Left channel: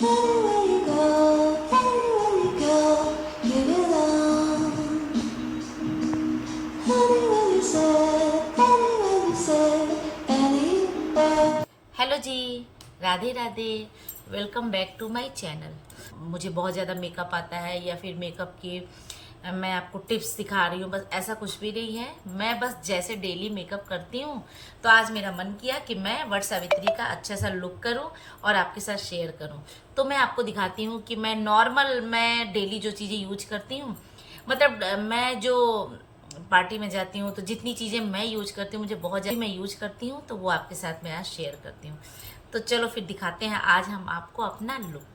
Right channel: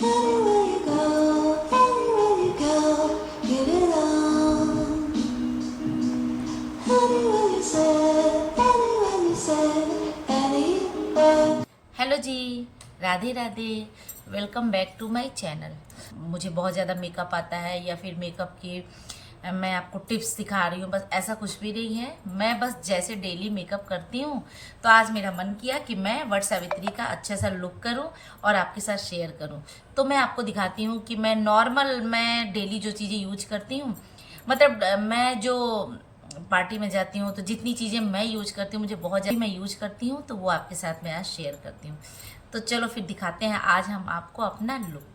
Anywhere you go, anywhere you go, you belong. Anywhere you say, anywhere you say, anywhere. Hello ji, Radhe Radhe. Welcome back to my channel. मुझे बहुत ज़्यादा makeup आता है या फिर makeup की मैं आपको टिप्स सिखा रही हूँ, बस ऐसा कुछ भी नहीं है। मैं बस जैसे डेली मेकअप करती हूँ, तो आज मेरा मन किया कि मैं वट सावित्री का अच्छा सा लुक करूँ और आपके साथ शेयर करूँ। तो मैं आपको दिखाती हूँ कि मैं डेली जो चीज़ें यूज करती हूँ, मतलब मैं जो पार्टी में जाती हूँ तो जितनी चीज़ें मैं यूज करती हूँ, मुझे बहुत ज़्यादा मैं यूज करती हूँ, तो वो आपके साथ मैं आज शेयर करती हूँ। तो चलो फिर दिखाते हैं आज हम आपको अपना लुक।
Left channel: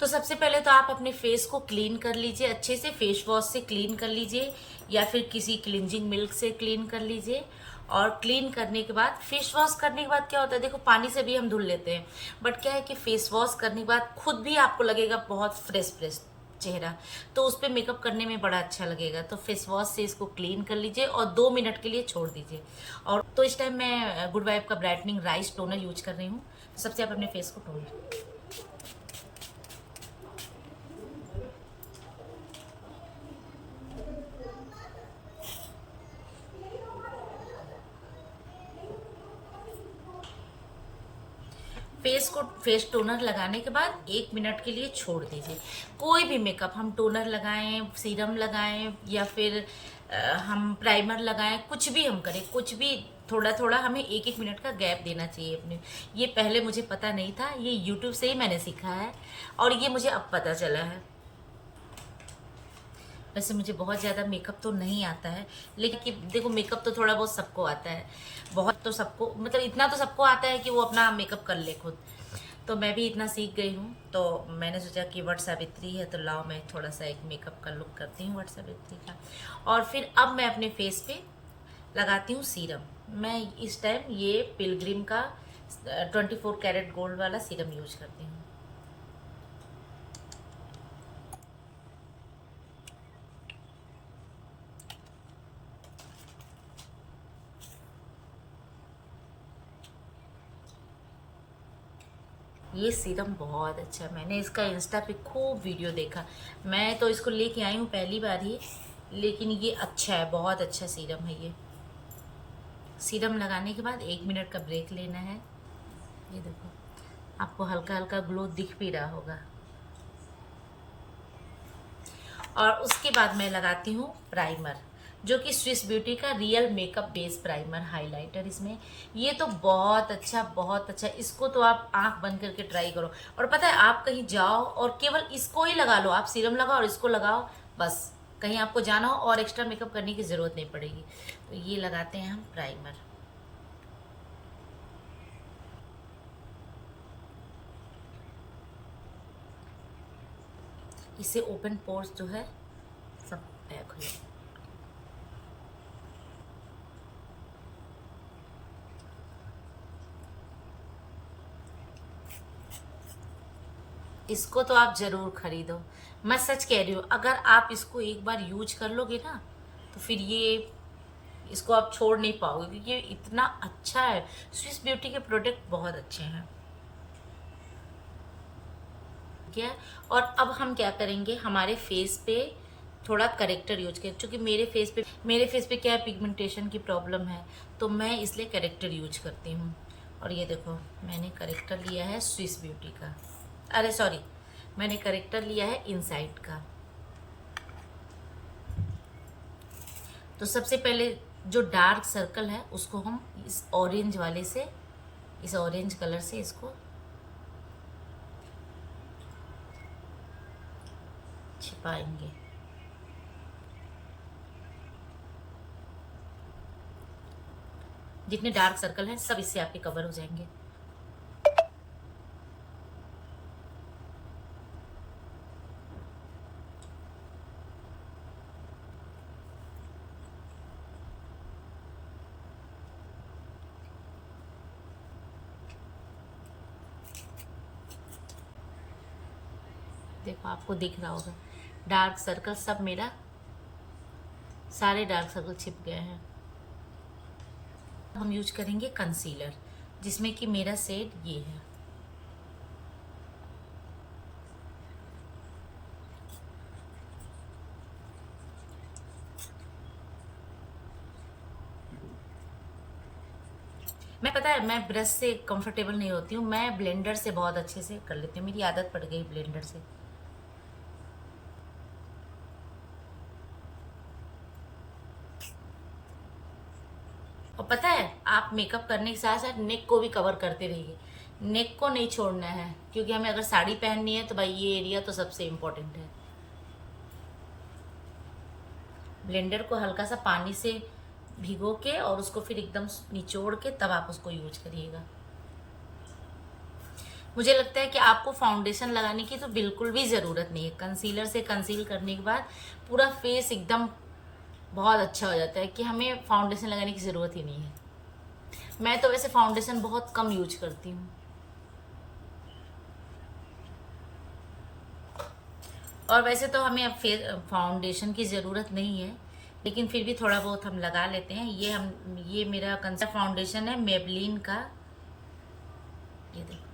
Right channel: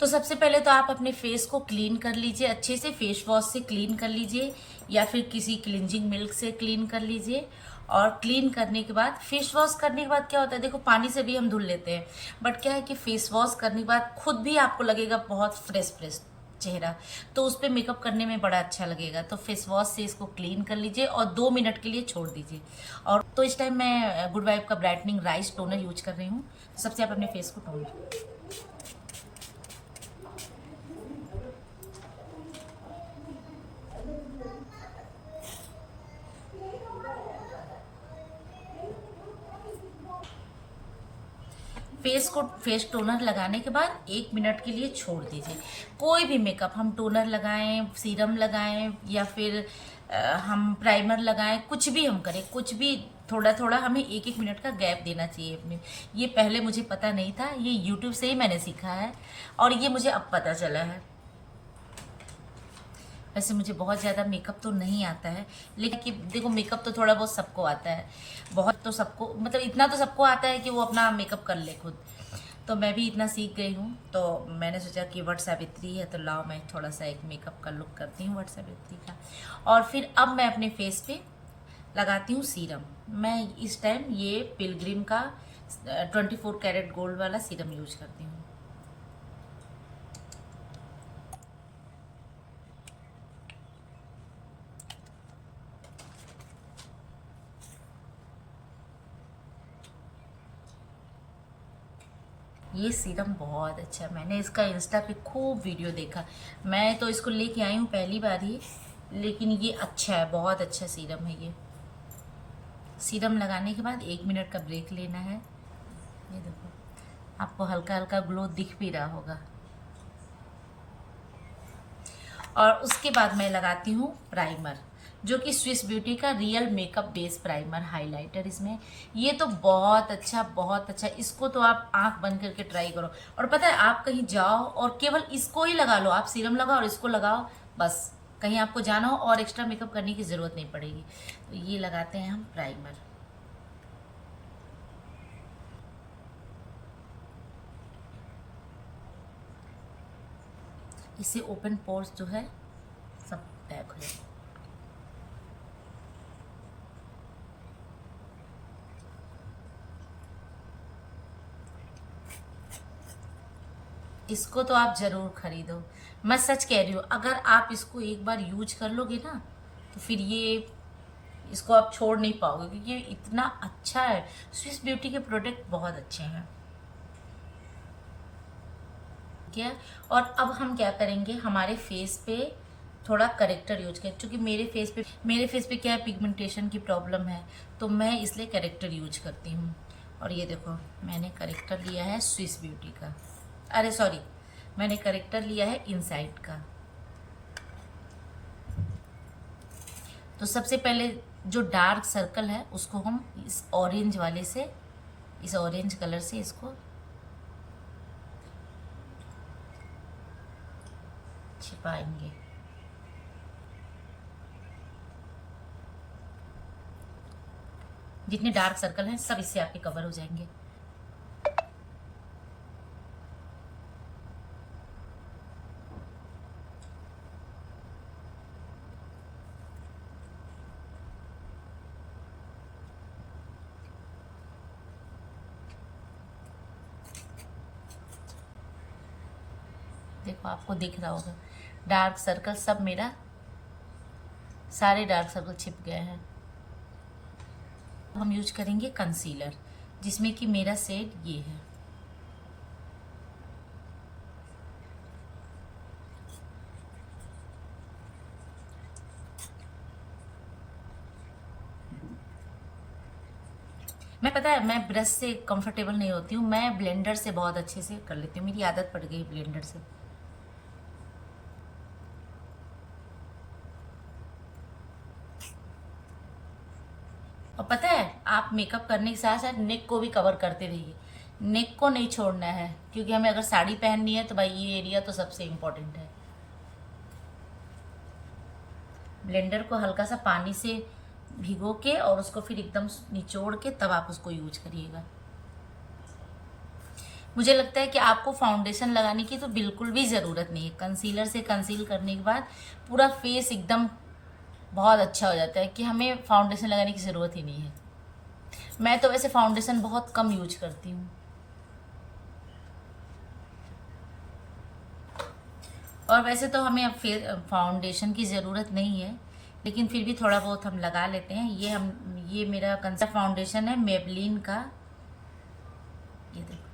तो सबसे पहले तो आप अपने फेस को क्लीन कर लीजिए, अच्छे से फेस वॉश से क्लीन कर लीजिए या फिर किसी क्लिनजिंग मिल्क से क्लीन कर लीजिए। और क्लीन करने के बाद, फेस वॉश करने के बाद क्या होता है, देखो पानी से भी हम धुल लेते हैं, बट क्या है कि फेस वॉश करने के बाद खुद भी आपको लगेगा बहुत फ्रेश फ्रेश चेहरा, तो उस पर मेकअप करने में बड़ा अच्छा लगेगा। तो फेस वॉश से इसको क्लीन कर लीजिए और 2 मिनट के लिए छोड़ दीजिए। और तो इस टाइम मैं गुड वाइब का ब्राइटनिंग राइस टोनर यूज कर रही हूँ। तो सबसे आप अपने फेस को टोन, फेस टोनर लगाने के बाद 1 मिनट के लिए छोड़ दीजिए। कोई भी मेकअप हम टोनर लगाएं, सीरम लगाएं या फिर हम प्राइमर लगाएं, कुछ भी हम करें, कुछ भी थोड़ा थोड़ा हमें 1-1 मिनट का गैप देना चाहिए अपने। ये पहले मुझे पता नहीं था, ये यूट्यूब से ही मैंने सीखा है और ये मुझे अब पता चला है। वैसे मुझे बहुत ज़्यादा मेकअप तो नहीं आता है, लेकिन कि देखो मेकअप तो थोड़ा बहुत सबको आता है, बहुत तो सबको, मतलब इतना तो सबको आता है कि वो अपना मेकअप कर ले खुद। तो मैं भी इतना सीख गई हूँ, तो मैंने सोचा कि वट सावित्री है तो लाओ मैं थोड़ा सा एक मेकअप का लुक करती हूँ वट सावित्री का। और फिर अब मैं अपने फेस पे लगाती हूँ सीरम। मैं इस टाइम ये पिलग्रिम का 24 कैरेट गोल्ड वाला सीरम यूज करती हूँ। ये सीरम बहुत अच्छा है, मैंने इसका इंस्टा पे खूब वीडियो देखा। मैं तो इसको लेके आई हूँ पहली बार ही, लेकिन ये अच्छा है, बहुत अच्छा सीरम है ये। सीरम लगाने के बाद 1 मिनट का ब्रेक लेना है। ये देखो, आपको हल्का हल्का ग्लो दिख भी रहा होगा। और उसके बाद मैं लगाती हूँ प्राइमर, जो कि स्विस ब्यूटी का real makeup base primer highlighter. इसमें ये तो बहुत अच्छा, बहुत अच्छा। इसको तो आप आंख बंद करके ट्राई करो। और पता है, आप कहीं जाओ और केवल इसको ही लगा लो, आप सीरम लगाओ और इसको लगाओ, बस। कहीं आपको जाना हो और एक्स्ट्रा मेकअप करने की ज़रूरत नहीं पड़ेगी। तो ये लगाते हैं हम प्राइमर। इससे ओपन पोर्स जो है सब पैक हो जाए। इसको तो आप ज़रूर खरीदो, मैं सच कह रही हूँ। अगर आप इसको एक बार यूज कर लोगे ना, तो फिर ये, इसको आप छोड़ नहीं पाओगे, क्योंकि ये इतना अच्छा है। स्विस ब्यूटी के प्रोडक्ट बहुत अच्छे हैं। क्या, और अब हम क्या करेंगे, हमारे फेस पे थोड़ा करेक्टर यूज करें, क्योंकि मेरे फेस पे क्या है, पिगमेंटेशन की प्रॉब्लम है, तो मैं इसलिए करेक्टर यूज करती हूँ। और ये देखो, मैंने करेक्टर लिया है स्विस ब्यूटी का, अरे सॉरी, मैंने करेक्टर लिया है इनसाइड का। तो सबसे पहले जो डार्क सर्कल है उसको हम इस ऑरेंज वाले से, इस ऑरेंज कलर से इसको छिपाएंगे। जितने डार्क सर्कल हैं सब इससे आपके कवर हो जाएंगे। देखो आपको दिख रहा होगा, डार्क सर्कल सब मेरा, सारे डार्क सर्कल छिप गए हैं। हम यूज करेंगे कंसीलर, जिसमें कि मेरा शेड ये है। मैं पता है मैं ब्रश से कंफर्टेबल नहीं होती हूँ, मैं ब्लेंडर से बहुत अच्छे से कर लेती हूँ, मेरी आदत पड़ गई ब्लेंडर से। और पता है आप मेकअप करने के साथ साथ नेक को भी कवर करते रहिए, नेक को नहीं छोड़ना है, क्योंकि हमें अगर साड़ी पहननी है तो भाई ये एरिया तो सबसे इम्पोर्टेंट है। ब्लेंडर को हल्का सा पानी से भिगो के और उसको फिर एकदम निचोड़ के तब आप उसको यूज करिएगा। मुझे लगता है कि आपको फाउंडेशन लगाने की तो बिल्कुल भी ज़रूरत नहीं है। कंसीलर से कंसील करने के बाद पूरा फेस एकदम बहुत अच्छा हो जाता है कि हमें फाउंडेशन लगाने की ज़रूरत ही नहीं है। मैं तो वैसे फाउंडेशन बहुत कम यूज करती हूँ, और वैसे तो हमें अब फाउंडेशन की ज़रूरत नहीं है, लेकिन फिर भी थोड़ा बहुत हम लगा लेते हैं। ये मेरा कंसेप्ट फाउंडेशन है मेबलिन का, ये देखो।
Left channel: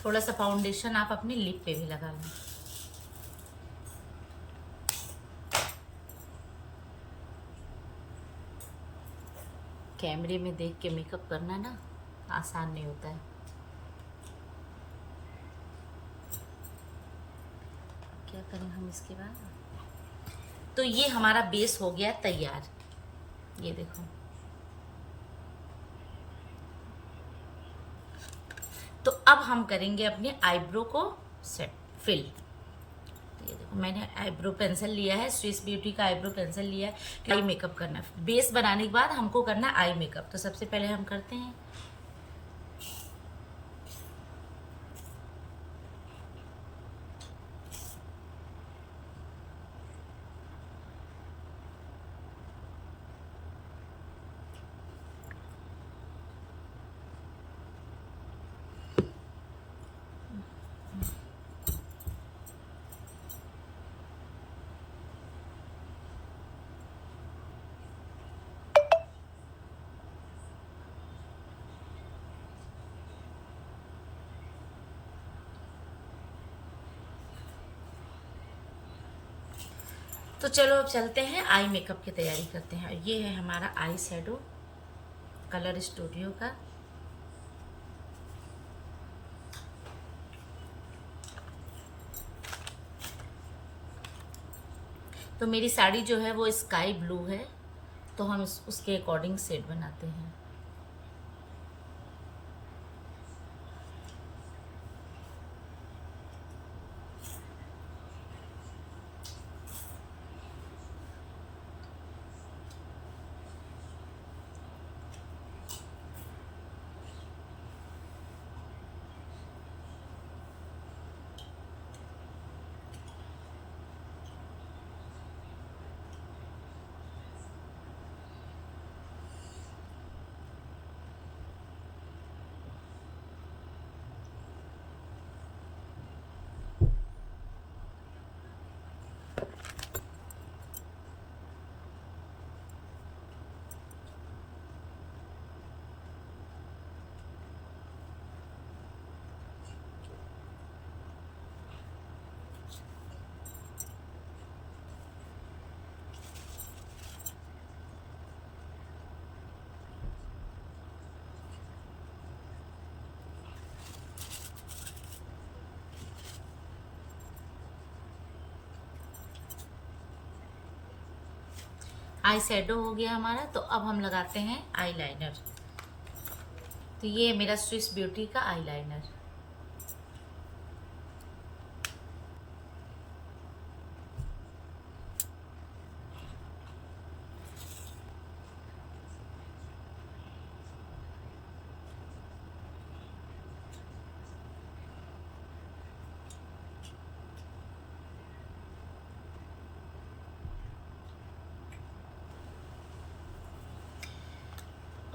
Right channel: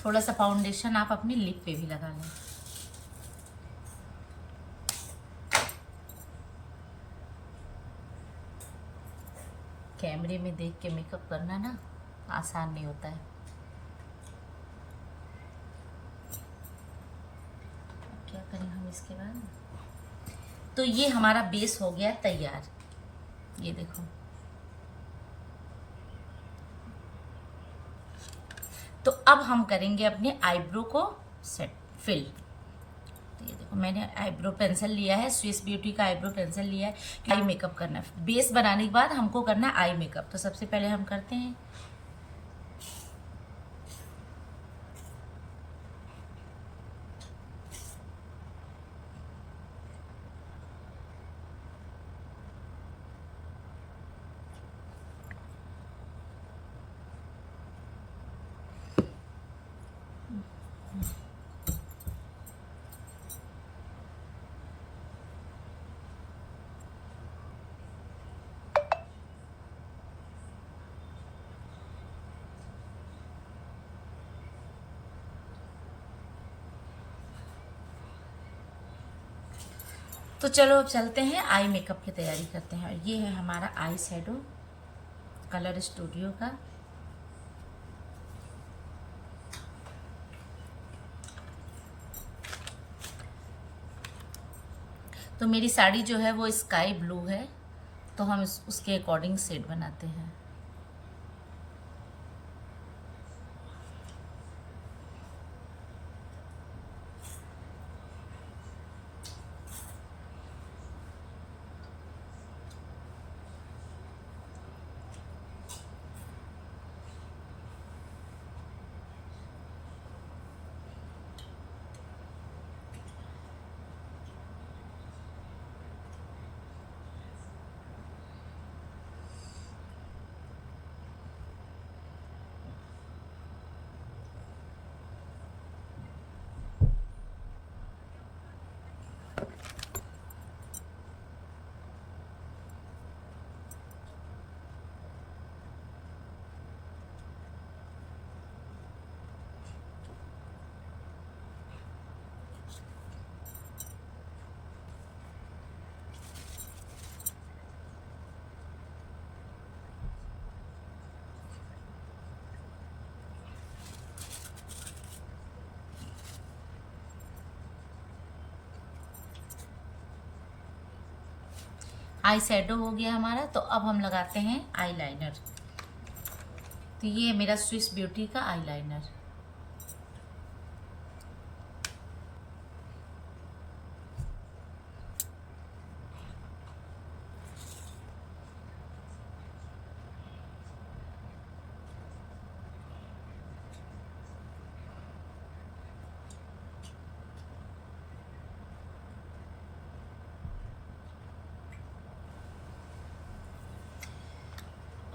थोड़ा सा फाउंडेशन आप अपनी लिप पे भी लगा लें। कैमरे में देख के मेकअप करना ना आसान नहीं होता है। क्या करें हम इसके बाद? तो ये हमारा बेस हो गया तैयार, ये देखो। तो अब हम करेंगे अपने आईब्रो को सेट फिल। तो ये देखो मैंने आईब्रो पेंसिल लिया है, स्विस ब्यूटी का आईब्रो पेंसिल लिया है। आई मेकअप करना है, बेस बनाने के बाद हमको करना आई मेकअप। तो सबसे पहले हम करते हैं तो चलो अब चलते हैं आई मेकअप की तैयारी करते हैं। ये है हमारा आई शैडो कलर स्टूडियो का। तो मेरी साड़ी जो है वो स्काई ब्लू है, तो हम उसके अकॉर्डिंग शेड बनाते हैं। आई शैडो हो गया हमारा। तो अब हम लगाते हैं आई लाइनर। तो ये है मेरा स्विस ब्यूटी का आई लाइनर।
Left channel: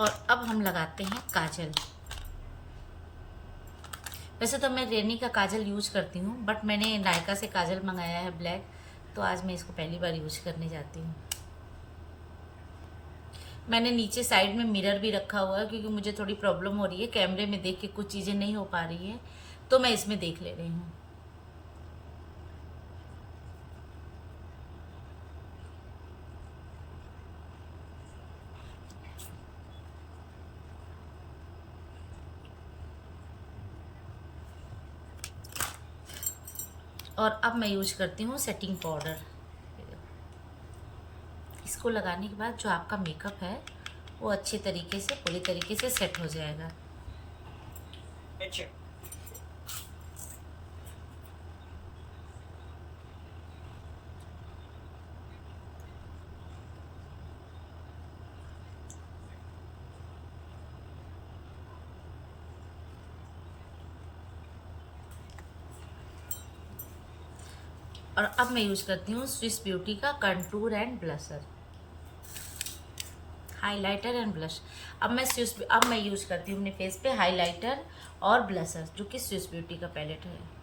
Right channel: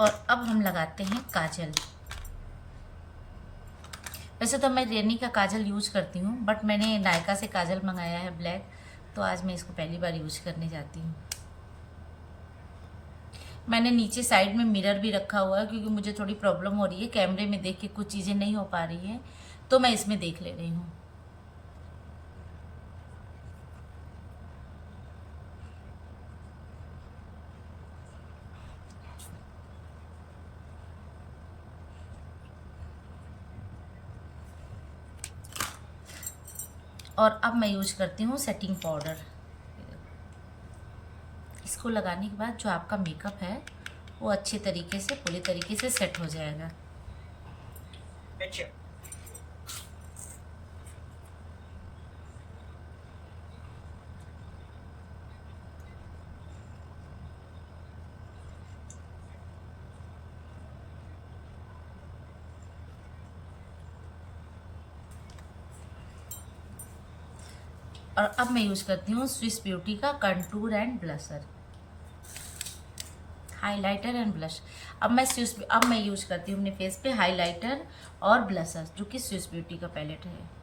और अब हम लगाते हैं काजल। वैसे तो मैं रेनी का काजल यूज करती हूँ, बट मैंने नायका से काजल मंगाया है ब्लैक, तो आज मैं इसको पहली बार यूज करने जाती हूँ। मैंने नीचे साइड में मिरर भी रखा हुआ है, क्योंकि मुझे थोड़ी प्रॉब्लम हो रही है कैमरे में देख के, कुछ चीज़ें नहीं हो पा रही है, तो मैं इसमें देख ले रही हूँ। और अब मैं यूज करती हूँ सेटिंग पाउडर। इसको लगाने के बाद जो आपका मेकअप है वो अच्छे तरीके से, पूरी तरीके से सेट हो जाएगा। और अब मैं यूज करती हूँ स्विस ब्यूटी का contour and blusher, highlighter and blush. अब मैं यूज करती हूँ अपने फेस पे हाइलाइटर और ब्लशर, जो कि स्विस ब्यूटी का पैलेट है।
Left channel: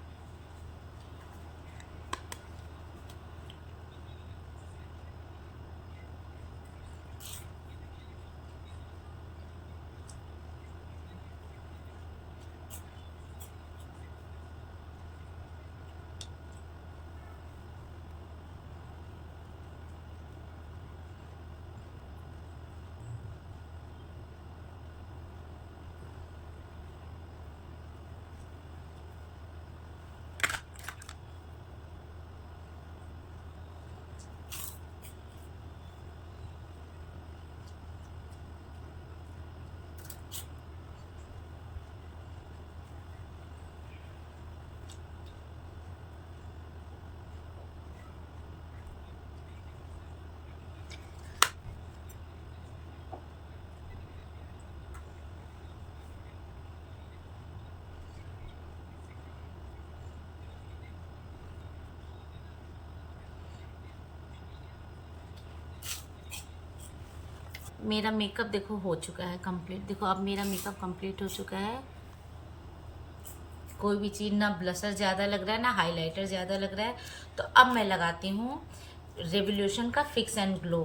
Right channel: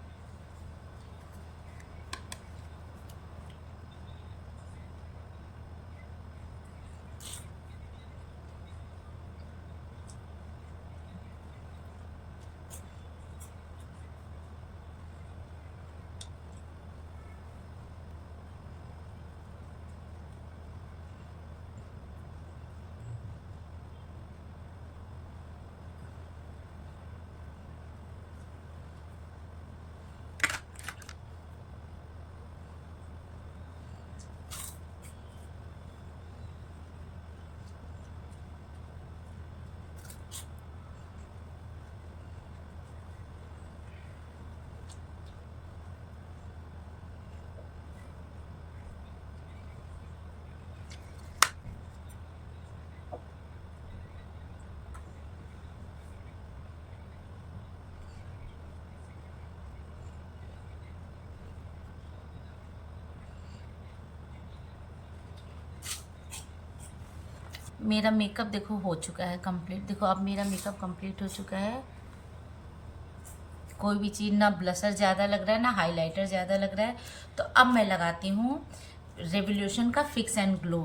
मेरा मेकअप देखो हो चुका है कंप्लीट। देखो अब मेरा मेकअप कंप्लीट हो चुका है। कोई भी चीज़, ना ब्लशर ज़्यादा लग रहा है ना हाइलाइटर ज़्यादा लग रहा है। तो अब मैं लगाती हूँ रेवोल्यूशन का फिक्स एंड ग्लो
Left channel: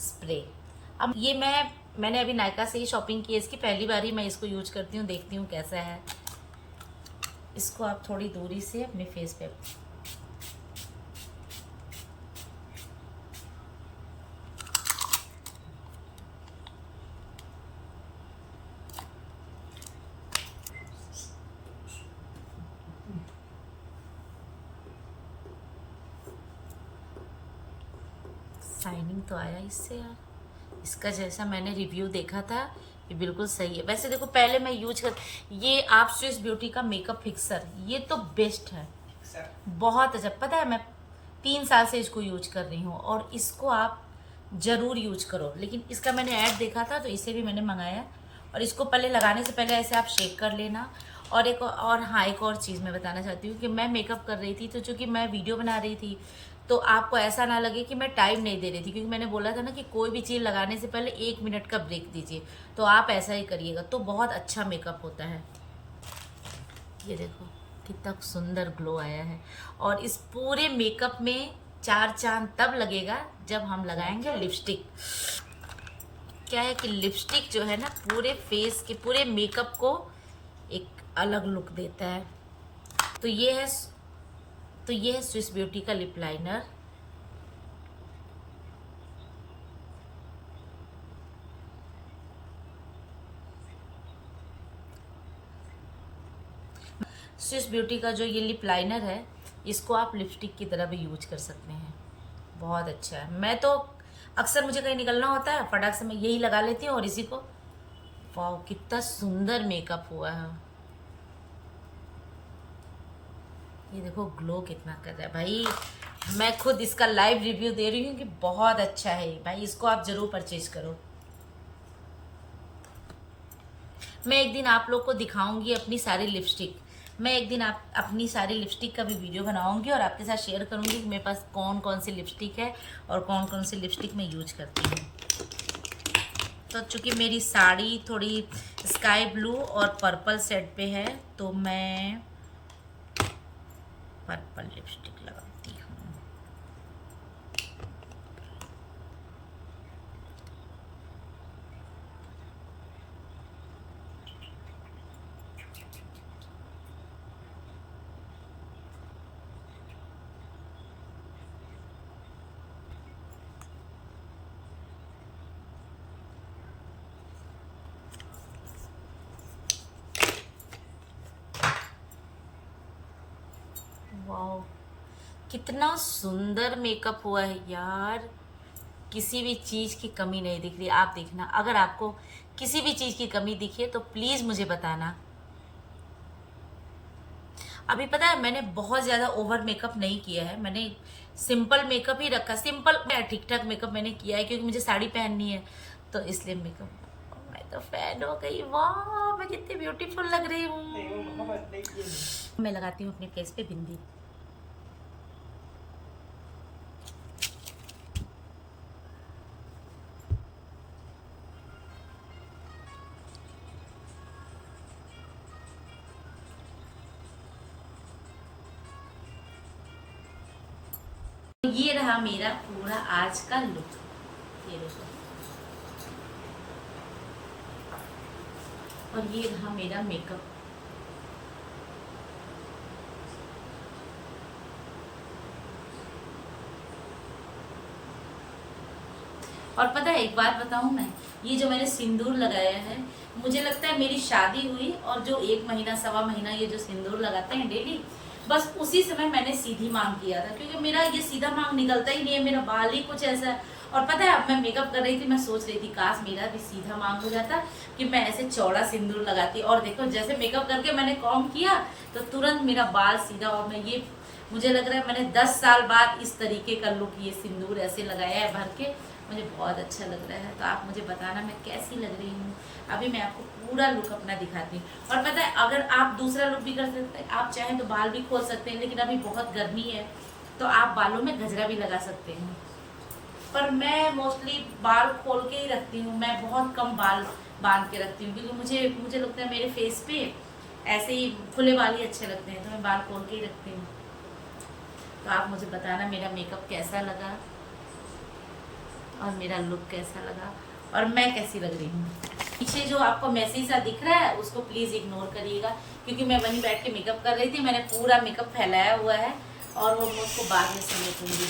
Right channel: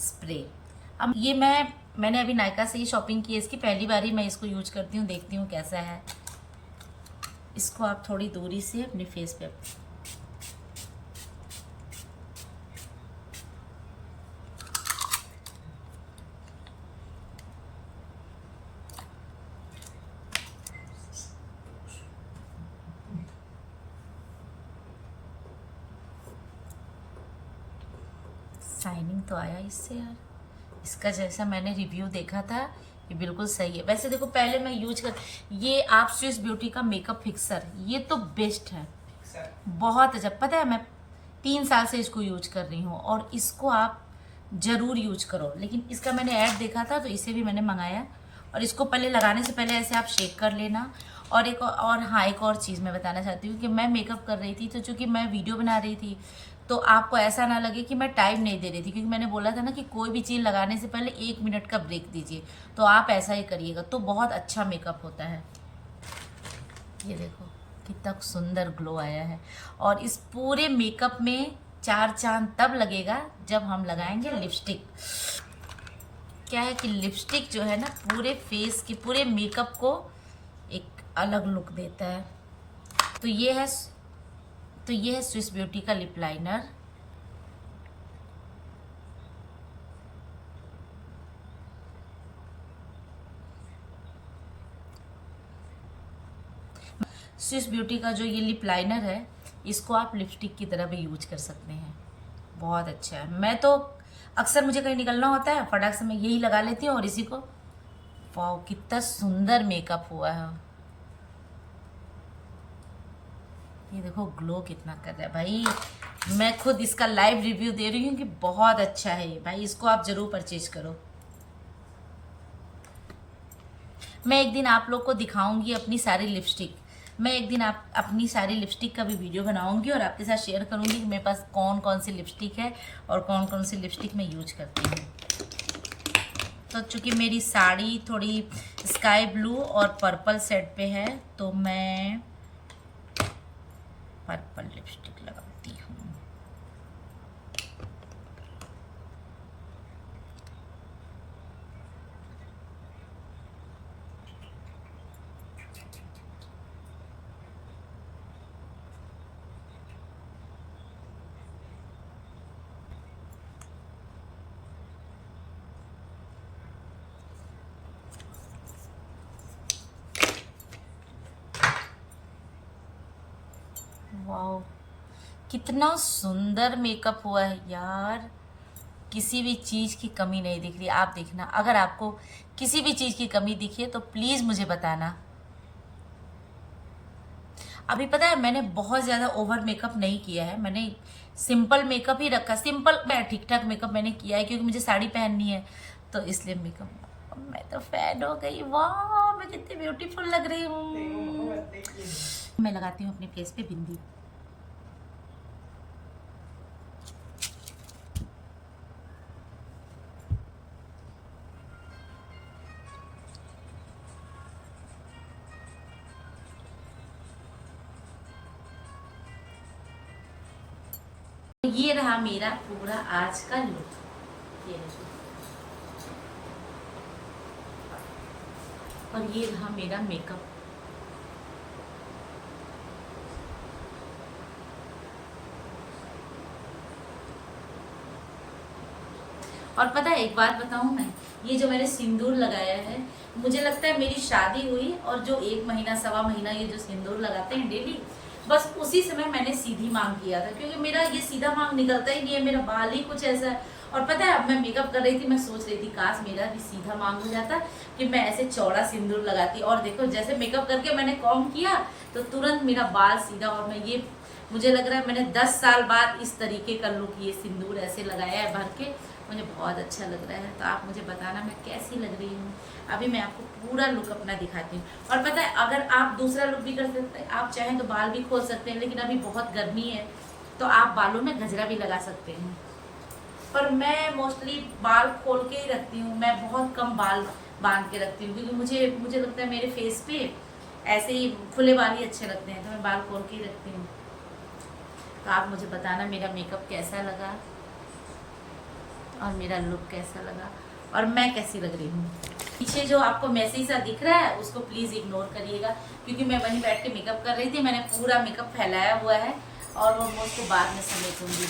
स्प्रे। अब ये मैंने अभी नायका से ही शॉपिंग की है, इसकी पहली बार ही मैं इसको यूज करती हूँ, देखती हूँ कैसा है। इसको आप थोड़ी दूरी से अपने फेस पे शाइनिंग तो आया इससे यार, इसका जैसा मैंने रिव्यू देखा था ये बिल्कुल सही है। वैसे देखो पहले मैं यूज कर, ये आप स्विस ब्यूटी का मेकअप फिक्सर, ये तो बेस्ट है, बहुत अच्छा। पता है मैं 3 साल से इसको यूज कर रही हूँ और इसको आप जरूर यूज करो। लेकिन इसका मैंने ऐड देखा था तो इसे भी मैंने मंगाया। और इसको पहले लगाने से पहले ऐसे आप शेक कर लेना। और एक और चीज़ मैं बताना चाहती हूँ कि मैं मेकअप कर रही थी, तो चूंकि मैं वीडियो बना रही थी तो आपको ऐसा ना लगे कि मैं टाइम नहीं दे रही थी, क्योंकि मैंने बोला था ना कि कोई भी चीज़ लगाने से पहले 1 मिनट का ब्रेक दीजिए, तो आप ऐसा ही करिएगा तो बहुत अच्छा मेकअप होता है। ये देखो कितना सुंदर ग्लो आया है। और इस पूरे मेकअप में 4 चांद तब लगेगा जब हम लगाएंगे लिपस्टिक। क्या है कि लिपस्टिक जो है ना पूरे फेस के, पूरे मेकअप को एक अलग लुक देता है। तो ये है स्विस ब्यूटी का लिप लाइनर। स्विस ब्यूटी का जो ये लिप लाइनर है, इसको आप लिपस्टिक की तरह भी यूज कर सकते हैं, बहुत अच्छा है। मैं तो अक्सर मुझे कहीं निकलना होता है फटाक से मैं यही लगा लेती हूँ और इसी को, वाह कितना सुंदर मेकअप हुआ है। ये देखो ग्लो कितना कर रहा है भाई, मैं खुद इसका लाइव रिव्यू दे रही हूँ कि बहुत अच्छा है भाई, इसको आप जरूर परचेज करो। मैं एक दिन आप लोग को दिखाऊंगी अपनी सारी लिपस्टिक, मैं एक दिन अपनी सारी लिपस्टिक का भी वीडियो बनाऊंगी और आपके साथ शेयर करूंगी कि मेरे पास कौन कौन सी लिपस्टिक है और कौन कौन सी लिपस्टिक मैं यूज करती हूँ। तो चूंकि मेरी साड़ी थोड़ी स्काई ब्लू और पर्पल सेट पे है तो मैं पर्पल लिपस्टिक लगाती हूँ। वाओ, कितना सुंदर मेकअप हुआ है यार। किसी भी चीज़ की कमी नहीं दिख रही। आप देखना, अगर आपको किसी भी चीज़ की कमी दिखी है तो प्लीज़ मुझे बताना। अभी पता है मैंने बहुत ज़्यादा ओवर मेकअप नहीं किया है, मैंने सिंपल मेकअप ही रखा। सिंपल मैं ठीक ठाक मेकअप मैंने किया है क्योंकि मुझे साड़ी पहननी है, तो इसलिए मेकअप। मैं तो फैन हो गई, वाह मैं कितनी ब्यूटीफुल लग रही हूँ। मैं लगाती हूँ अपने फेस पे बिंदी। ये रहा मेरा पूरा आज का लुक। ये देखो, और ये रहा मेरा मेकअप। और पता है एक बात बताऊं मैं, ये जो मैंने सिंदूर लगाया है, मुझे लगता है मेरी शादी हुई और जो 1 महीना 1.25 महीना ये जो सिंदूर लगाते हैं डेली, बस उसी समय मैंने सीधी मांग किया था, क्योंकि मेरा ये सीधा मांग निकलता ही नहीं है, मेरा बाल ही कुछ ऐसा है। और पता है अब मैं मेकअप कर रही थी, मैं सोच रही थी काश मेरा भी सीधा मांग हो जाता कि मैं ऐसे चौड़ा सिंदूर लगाती। और देखो जैसे मेकअप करके मैंने कॉम्ब किया तो तुरंत मेरा बाल सीधा। और मैं ये, मुझे लग रहा है मैंने 10 साल बाद इस तरीके का लुक, ये सिंदूर ऐसे लगाया है भर के, मुझे बहुत अच्छा लग रहा है। तो आप मुझे बताना मैं कैसी लग रही हूँ। अभी मैं आपको पूरा लुक अपना दिखाती हूँ। और पता है अगर आप दूसरा लुक भी कर सकते हैं, आप चाहें तो बाल भी खोल सकते हैं, लेकिन अभी बहुत गर्मी है तो आप बालों में गजरा भी लगा सकते हैं। पर मैं मोस्टली बाल खोल के ही रखती हूँ, मैं बहुत कम बाल बांध के रखती हूँ, क्योंकि मुझे लगता है मेरे फेस पे ऐसे ही खुले बाल ही अच्छे लगते हैं, तो मैं बाल खोल के ही रखती हूँ। तो आप मुझे बताना मेरा मेकअप कैसा लगा और मेरा लुक कैसा लगा और मैं कैसी लग रही हूँ। पीछे जो आपको मैसी सा दिख रहा है उसको प्लीज़ इग्नोर करिएगा, क्योंकि मैं वहीं बैठ के मेकअप कर रही थी, मैंने पूरा मेकअप फैलाया हुआ है और वो मैं उसको बाद में समेटूंगी।